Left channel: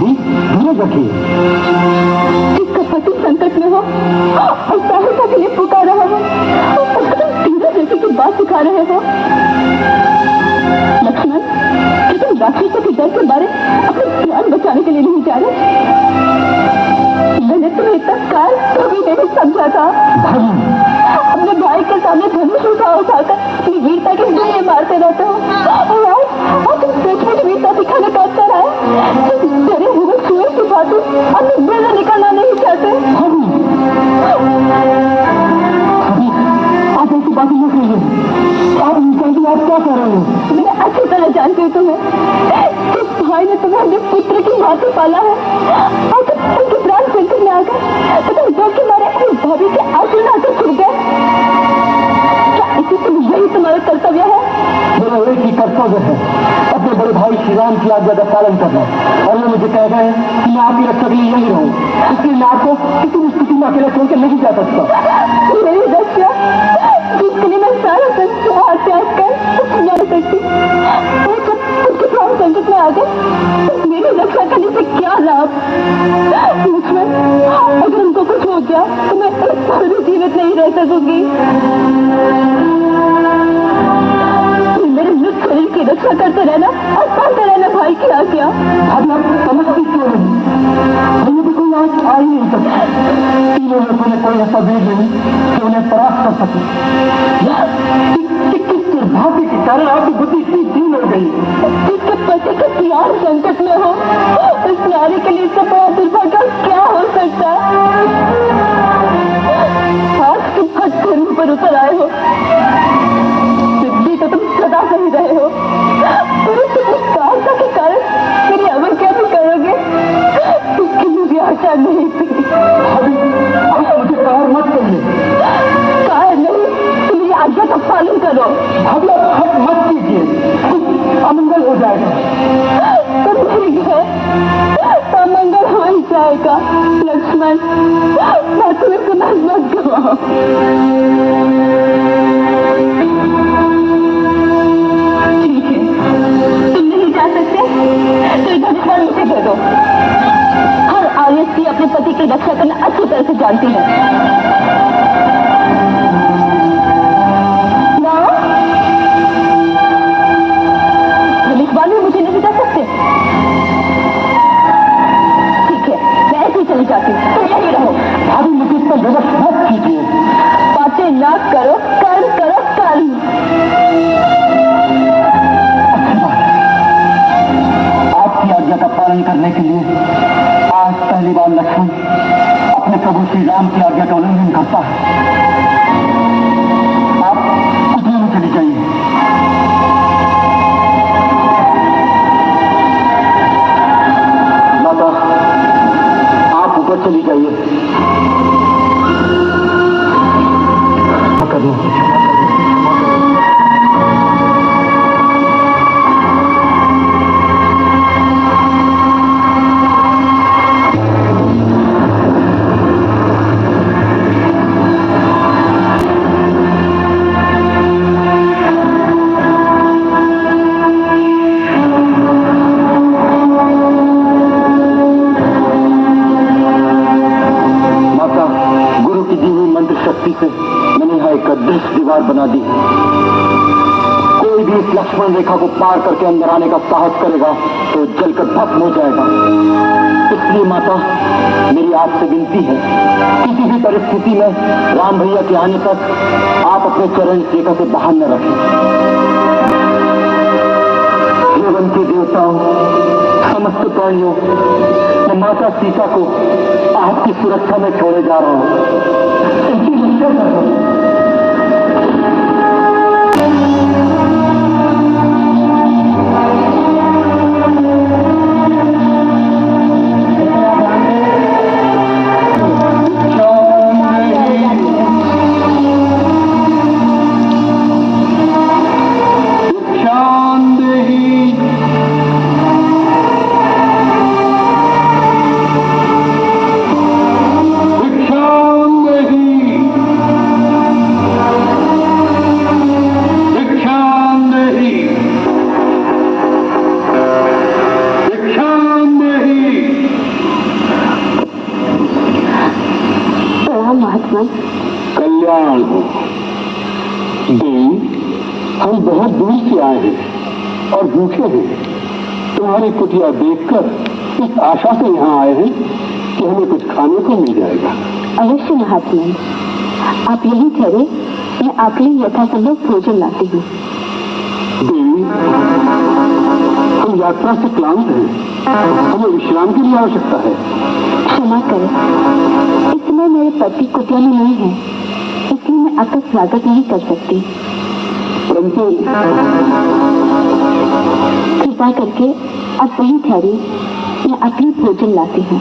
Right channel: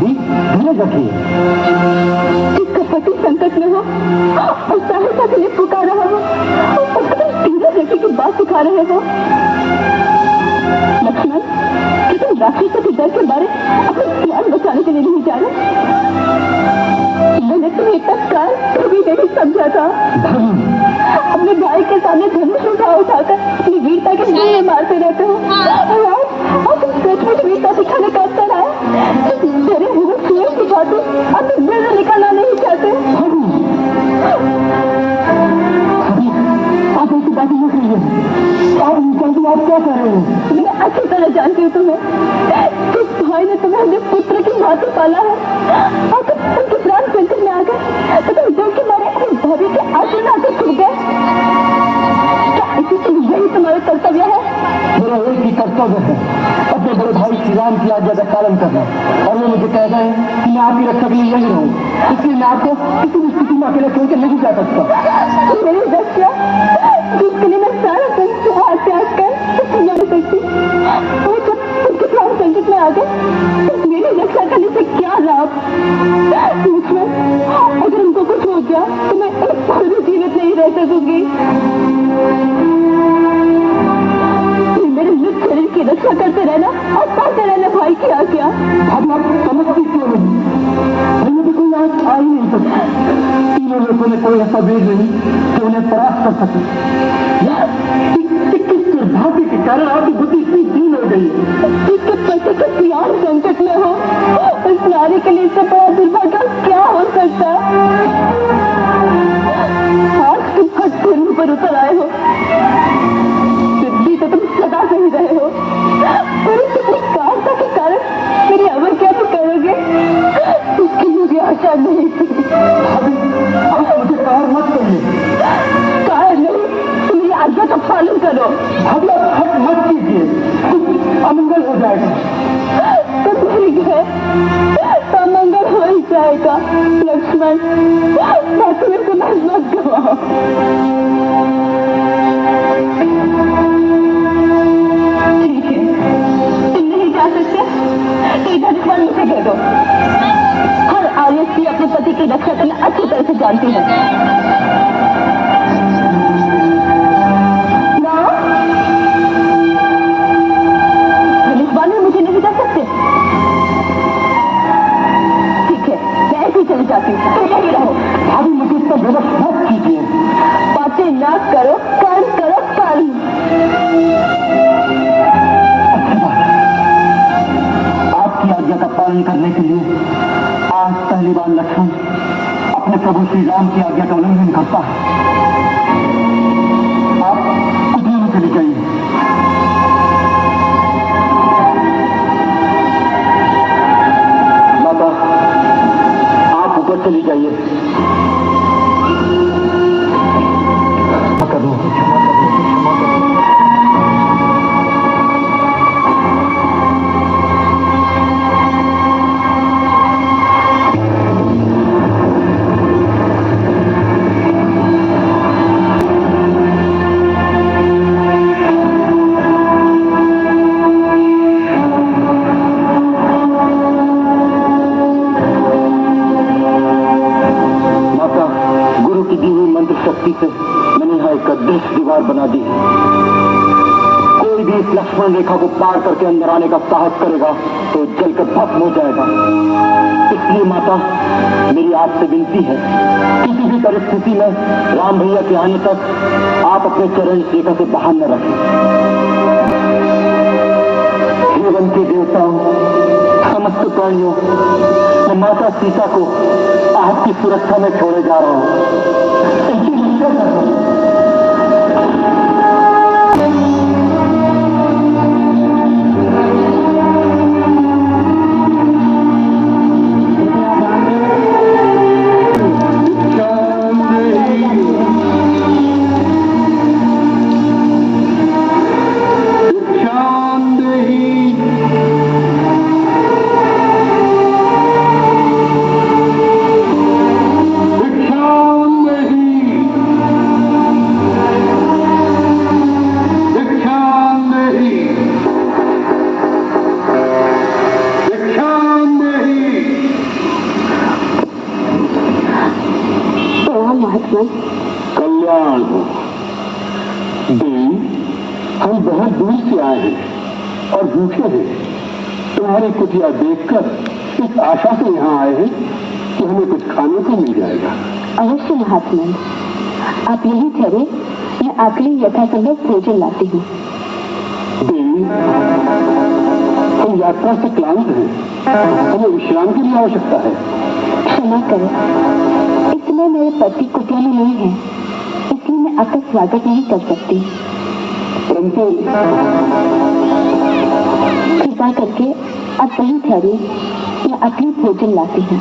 भाभी धीरज रखिए। जिसका पति संकट में हो और सहायता के लिए पुकार रहा हो उसको तुम धीरज रखने की बात सिखा रहे हो। लक्ष्मण, क्या तुम राक्षसों के डर के मारे अपने प्राण बचाने के लिए नहीं जा रहे? मैंने तुम्हें इतना काल कभी नहीं समझा था। अपने भाई के सामने धनुष उठाकर अपनी वीरता के लिए मारते रहते हो और तुम सचमुच वीरता दिखाने का अवसर आया। मेरे मुंह में छुए की बातें अपने मुंह में निकालना नहीं चाहते। आप ऐसी बातें नहीं करिए। आप निकालिए, आप क्या कर रहे हैं? मैं अच्छी तरह जानती हूँ तुम्हें। जिस भाई ने तुम्हें अपने पुत्र की बातें पाला है और तुम उनके प्राण संकट में आ गए तो तुम डर के मारे अपनी भाभी के आंसू लाकर छुट गए। क्या इसी से यही तुम्हारा कर्तव्य है? मेरा एक ही कर्तव्य है अपने बड़े भाई श्री राम की आज्ञा का पालन करना, और वो मुझे कह गए कि मैं आपकी रक्षा के लिए यही रहूं, इसलिए मैं आपको किसी भी स्थिति में अकेले छोड़ के नहीं जा सकता। मेरी रक्षा जिसके लिए मैं सारा संसार त्याग कर जा सकती, वो जब उनके प्राण संकट में आ गए मेरी रक्षा करने से क्या लाभ? लक्ष्मण, अगर उनको कुछ हो गया तो मैं एक पल भी जीवित नहीं रह सकूंगी। मेरे मृत शरीर की रक्षा करते रहना और पाते रहना भाई की आज्ञा। अब आप समझती क्यों नहीं? मुझे भी कोई आज आ ही नहीं सकता। तीनों में कोई ऐसा वीर नहीं कि उन्हें परास्त कर सके। किस दुर्भाग्य के कारण आपकी बुद्धि इतनी दीन हो गई? जिसके पति का प्यार संकट में हो उस नारी के लिए इससे बड़ा दुर्भाग्य क्या हो सकता? आज तुम हद धर्म पर उतर आए हो, सिद्धि तो तुम सदा सही रहे हो, परंतु अपनी कायरता के कारण मेरी अवज्ञा भी करोगे इसकी मुझे आशा नहीं थी। अभी मुझे कार मत करिए। कार नहीं, मेरी आज्ञा का पालन करो। अभी आप हट मत कीजिए, अमंगल हो जाएगा। तो मेरी घर अमंगल हो ही जाएगा। लक्ष्मण, मैं तुम्हें समझ मत गवाऊं। ठीक है, तुम नहीं जा सकते तो इधर इधर मुझे दे दो। हर औरत भी अपने पति की रक्षा करना अच्छी तरह से जानती है। ना, लिखवाने मुझे नहीं जा सकते। ठीक है, मैं ऐसे ही चली जाती हूँ, तुम यही रहो। अभी मुझे इसका गलत मत कीजिए। बातें ना करो, कर्म करो, कर्म। आपकी आज्ञा का पालन करने के लिए आज पहली बार लक्ष्मण अपने प्रभु श्री राम की आज्ञा का उल्लंघन करता है। आप कुटिया में चली जाइए। माता, आप ऊपर चली जाइए। दीवार बना दी। कोई भी इस लक्ष्मण रेखा को पार करके अंदर आने का साहस करेगा तो जलकर भस्म हो जाएगा। इसलिए माता, मेरी आपसे विनती है, किसी भी परिस्थिति में राम भैया के आने तक आप अपने चरण रेखा से बाहर न रखें। हे वन के देवताओं, समस्त प्राणियों, मैं माता सीता को आपकी सुरक्षा में छोड़े जा रहा हूं। इनकी रक्षा करो। भूखे हैं। तुम्हारी कुटिया देखकर इस आशा से यहाँ आए हैं कि हमें कुछ खाने को मिल जाएगा। अवश्य महात्मा, आप यही ठहरे, मैं आपके लिए यथासंभव भोजन लाती हूँ। देवी, हम यात्रा से क्लांत हैं, हमें विश्राम की भी आवश्यकता है। क्षमा करें, इस समय मेरे पति कुटिया में नहीं है, इसलिए मैं आपका स्वागत नहीं कर सकती। परंतु कृपा करके आप वही ठहरे, मैं आपके लिए भोजन लाती हूँ।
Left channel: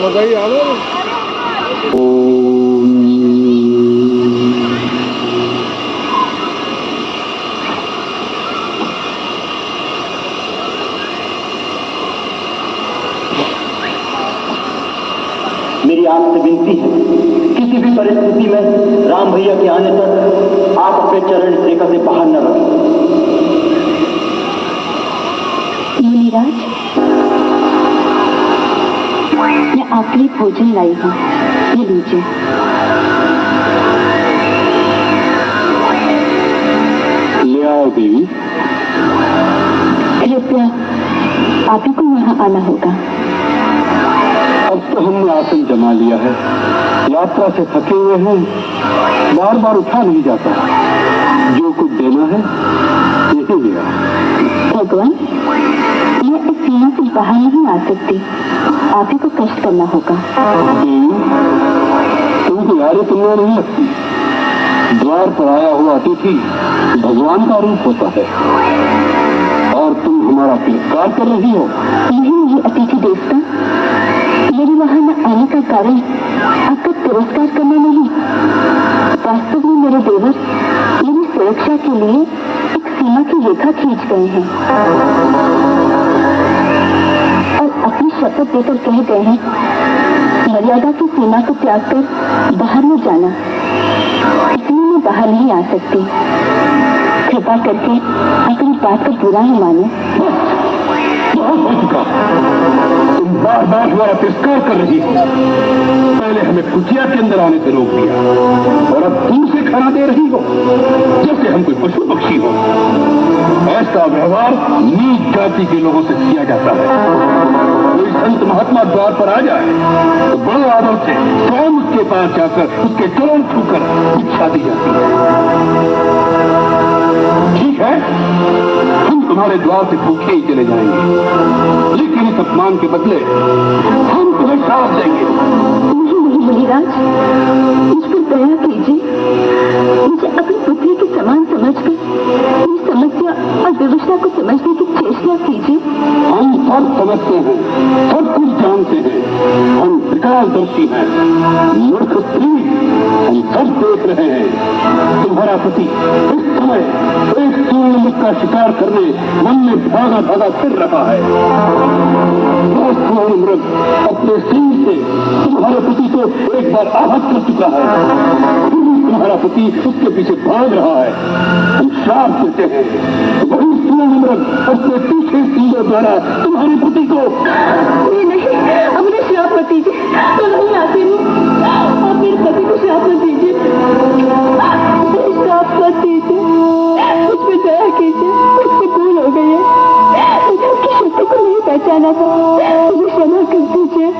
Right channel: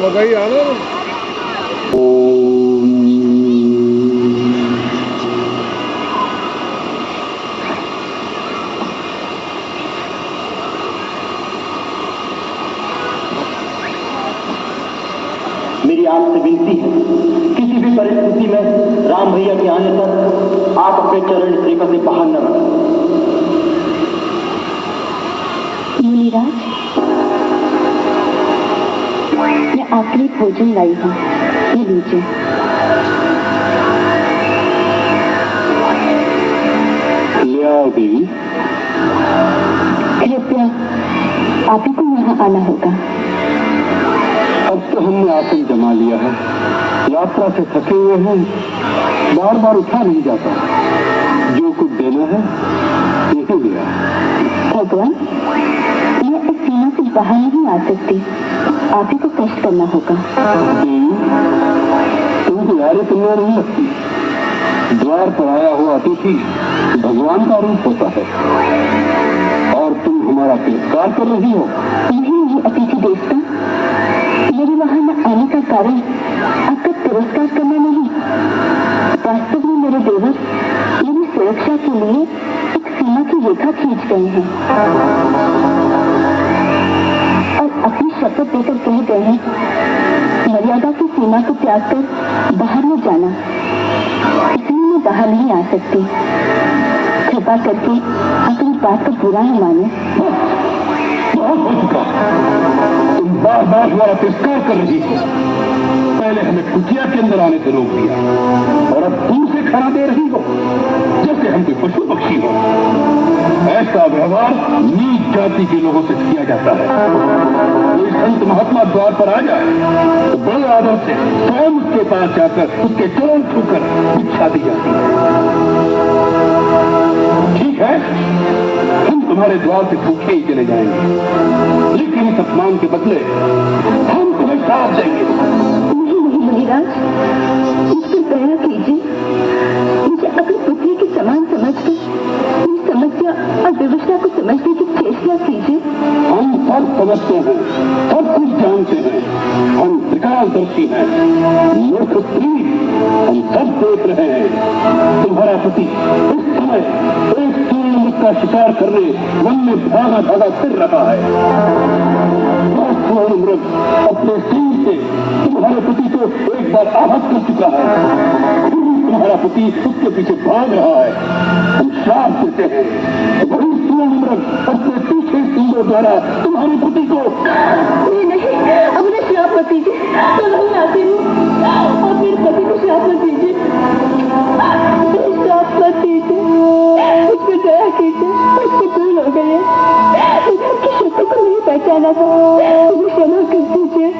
बताइए आलो। मेरी आपसे विनती है, किसी भी परिस्थिति में राम भैया के आने तक आप अपने चरण इस रेखा से बाहर न रखें। मुनिराज, मैं आपके लिए भोजन लाई हूँ, ये लीजिए। ले आओ देवी। कृपया आप ही को यहाँ आना होगा। अब तो हमने आसन जमा लिया है, यात्रा से थके हुए हैं, बार बार उठा नहीं जाता। जो कुछ देना है यही लिया। भगवान, मैं इस सीमा से बाहर नहीं आ सकती, आप ही को कष्ट करना होगा। तुमको यारी तुमने नहीं लगती। द्वार पर आया हुआ अतिथि भगवान का रूप होता है और तुम हमारा तिरस्कार कर रही हो। नहीं अतिथि देवता, मेरे वहां न आने का कारण आपका तिरस्कार करना नहीं। वास्तव में मेरे देवर मेरी सुरक्षा के लिए एक सीमा की रेखा खींच गए हैं और अपनी शपथ देकर कह गए हैं, मर्यादा की सीमा को त्याग कर बाहर न जाना। इसलिए मैं बाहर नहीं आ सकती। कृपा करके अपनी बात को बुरा न माने। तुम बार बार हमारा तिरस्कार कर रही हो। पहले हमें कुटिया के अंदर आने से रोक दिया और अब दूर से खाना दे रही हो जैसे हम कोई पशु पक्षी हो। ऐसा व्यवहार नीच जाति के लोगों से किया जाता है। कोई संत महात्मा द्वार पर आ जाए तो बड़े आदर से स्वयं उसके पास जाकर उसके चरण छूकर भिक्षा दी जाती है। ठीक है, हम तुम्हारे द्वार से भूखे ही चले जाएंगे, लेकिन इस अपमान के बदले हम तुम्हें साथ देंगे। नहीं मुनिराज, मुझ पर दया कीजिए। मुझे अपनी पुत्री के समान समझकर मेरी समस्या और विवशता को समझने की चेष्टा कीजिए। हम सब समझते हैं, सब कुछ जानते हैं। हम त्रिकालदर्शी हैं, मूर्ख स्त्री, हम सब देख रहे हैं। तुम्हारा पति इस समय एक सूर्य मुख का शिकार करने मन में धागा धागा फिर रहा है। मृग अपने सिंह से तुम्हारे पति को एक बार आहत कर चुका है, तुम्हारा पति उसके पीछे भाग रहा है। हम श्राप देते हैं वही मृग अपने पीछे सिंहों द्वारा तुम्हारे पति को। नहीं, अपने श्राप मत दीजिए, मैं नहीं आती हूँ। आप मेरे पति को श्राप मत दीजिए, श्राप मत दीजिए, मुझ पे दया कीजिए, मुझसे भूल हो गई है, मुझे आपकी शक्ति को नहीं पहचाना था, मुझे क्षमा कर दीजिए।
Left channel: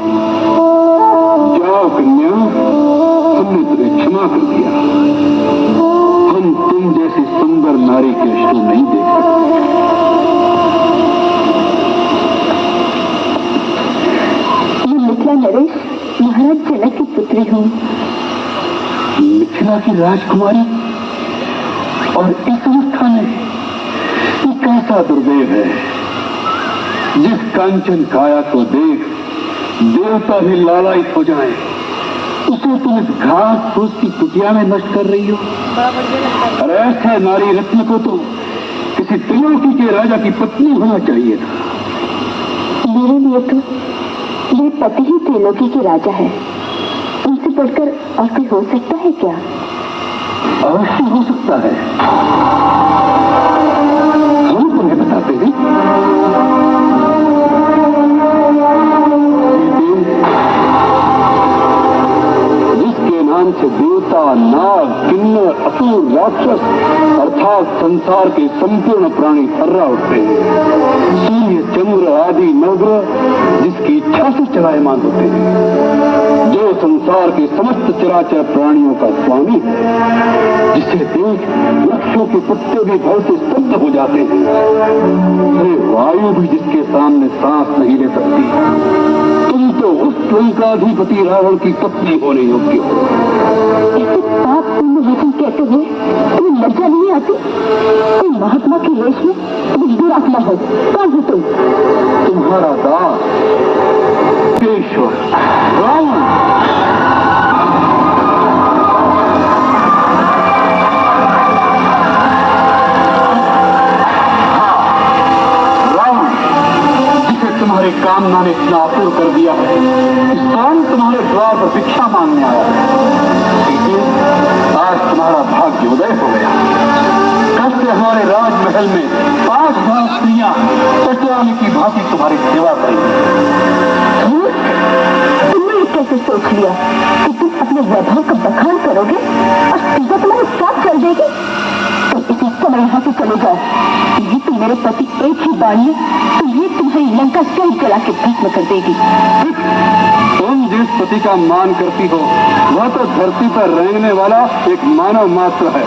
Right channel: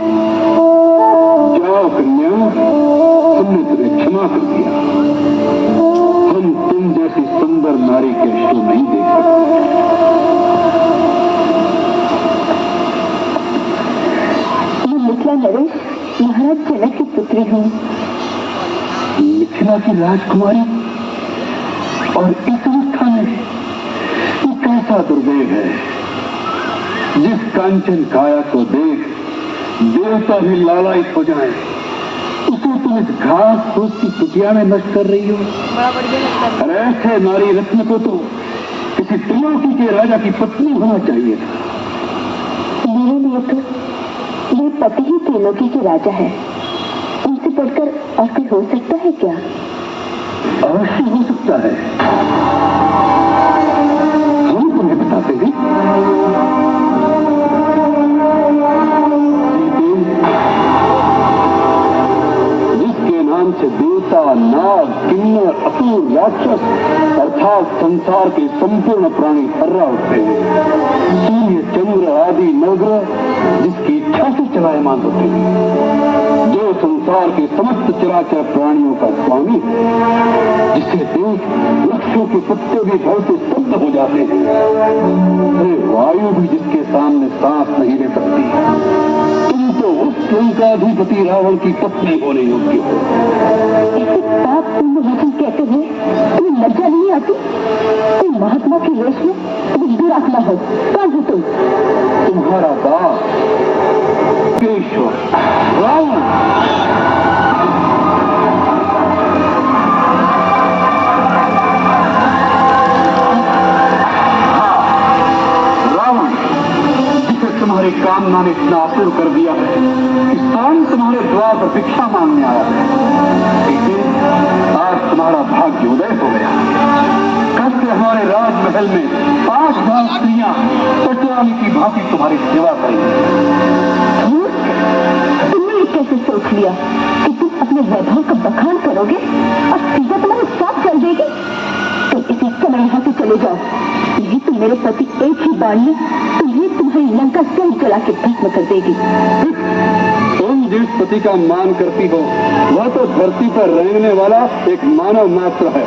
जाओ कन्या, हमने तुम्हें क्षमा कर दिया। हम तुम जैसी सुंदर नारी के अश्रु नहीं देख सकते। मैं मिथिला नरेश महाराज जनक की पुत्री हूँ। मिथिला की राजकुमारी और इस अवस्था में ये कैसा दुर्दैव है, जिस कांचन काया को देख देवता भी लालायित हो जाए, उसे तुम इस घास फूस की कुटिया में नष्ट कर रही हो। बड़ा बढ़िया लगता है। और ऐसे नारी रत्न को तो किसी त्रिलोकी के राजा की पत्नी होना चाहिए था। मेरे लिए तो मेरे पति ही त्रिलोकी के राजा है, उनसे बढ़कर और कोई हो सकता है क्या? अवश्य हो सकता है, हम तुम्हें बताते हैं। जिसके नाम से देवता, नाग, किन्नर, असुर, राक्षस अर्थात संसार के संपूर्ण प्राणी थर्रा उठते हैं। सूर्य, चंद्र आदि नवग्रह जिसकी इच्छा से चलायमान होते हैं, जो संसार के समस्त चराचर प्राणियों का स्वामी है, जिसे देख वृक्षों के पत्ते भी भय से स्तब्ध हो जाते हैं, अरे वायु भी जिसके सामने सांस नहीं ले सकती। तुम तो उस लंकाधिपति रावण की पत्नी होने योग्य हो। ऐसे पापपूर्ण वचन कहते हुए तुम्हें लज्जा नहीं आती? तुम महात्मा के वेश में तुम दुरात्मा हो। कौन हो तुम? तुम्हारा दास केशव रावण। जिसे तुम्हारी कामना ने इतना आतुर कर दिया है कि स्वयं तुम्हारे द्वार पर भिक्षा मांगने आया है। देखिए, आज तुम्हारा भाग्य उदय हो गया। कल से हमारे राजमहल में 5 स्त्रियां पटवानी की भांति तुम्हारी सेवा करेंगी। तुमने कैसे सोच लिया कि तुम अपने वैभव का बखान करोगे और सीधा तुम्हारे साथ चल देगी? तुम इसी समय यहाँ से चले जाओ, नहीं तो मेरे पति एक ही बार में तुम्हें तुम्हारी लंका सहित जला के भस्म कर देगी। तुम जिस पति का मान करती हो वह तो धरती पर रेंगने वाला एक मानव मात्र है।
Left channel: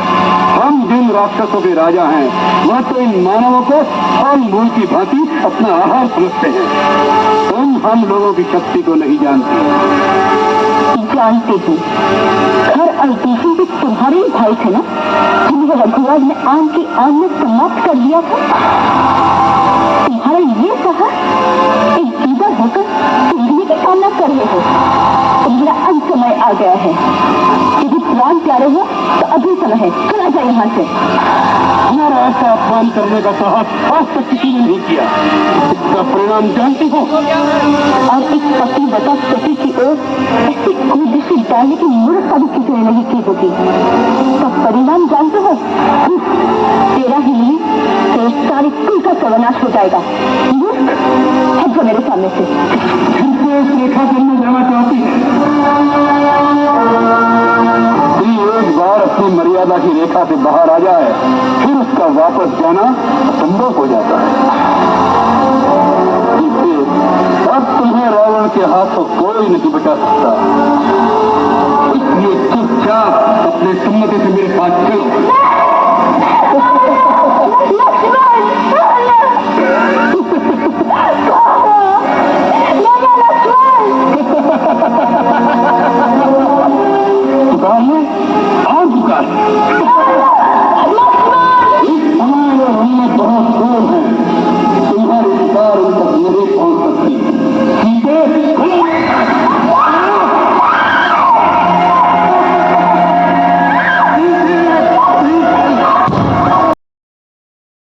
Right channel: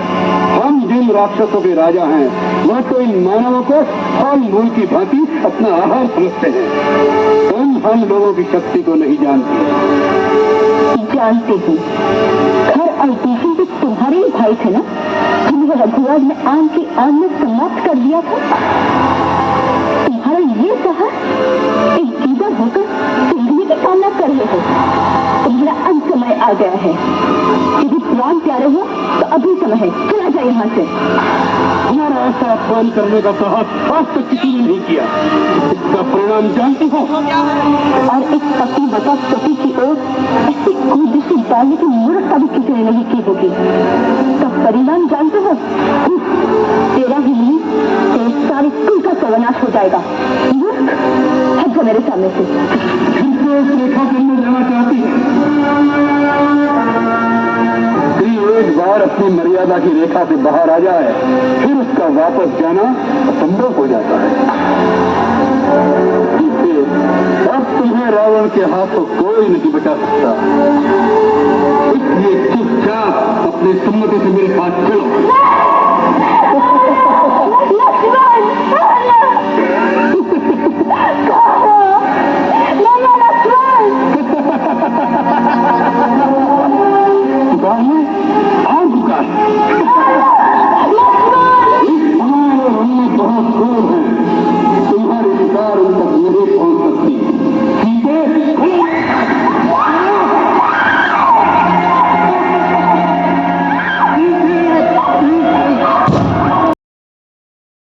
हम जिन राक्षसों के राजा हैं वह तो इन मानवों को फल मूल की भांति अपना आहार समझते हैं। तुम हम लोगों की शक्ति को नहीं जानती। जानते हो, घर और देशी भी तुम्हारे ही भाई थे ना, जिन्हें रघुराज ने आम की आम में समाप्त कर दिया था। तुम्हारा ये साहस एक दीदा होकर पीढ़ी की कामना कर रहे हो। तुम्हारा अंत समय आ गया है। यदि प्राण प्यारे हो तो अभी समय है, चला जाए यहाँ से। हमारा ऐसा अपमान करने का साहस आज तक किसी ने नहीं किया। इसका परिणाम जानती हो? हो गया है। और एक पति बता सती की ओर ऐसी दृष्टि डालने की मूर्खता भी किसी ने नहीं की होगी। तो परिणाम जानते हो? तेरा ही नहीं, तेरे सारी कुल का सर्वनाश हो जाएगा। मूर्ख, हट जो मेरे सामने से। फिर से इस रेखा करने जाना चाहती है। एक बार अपनी मर्यादा की रेखा से बाहर आ जाए फिर उसका वापस जाना असंभव हो जाता है। इससे अब तुम्हें रावण के हाथों कोई नहीं बचा सकता। इसलिए चुपचाप अपने सम्मति से मेरे साथ चलो।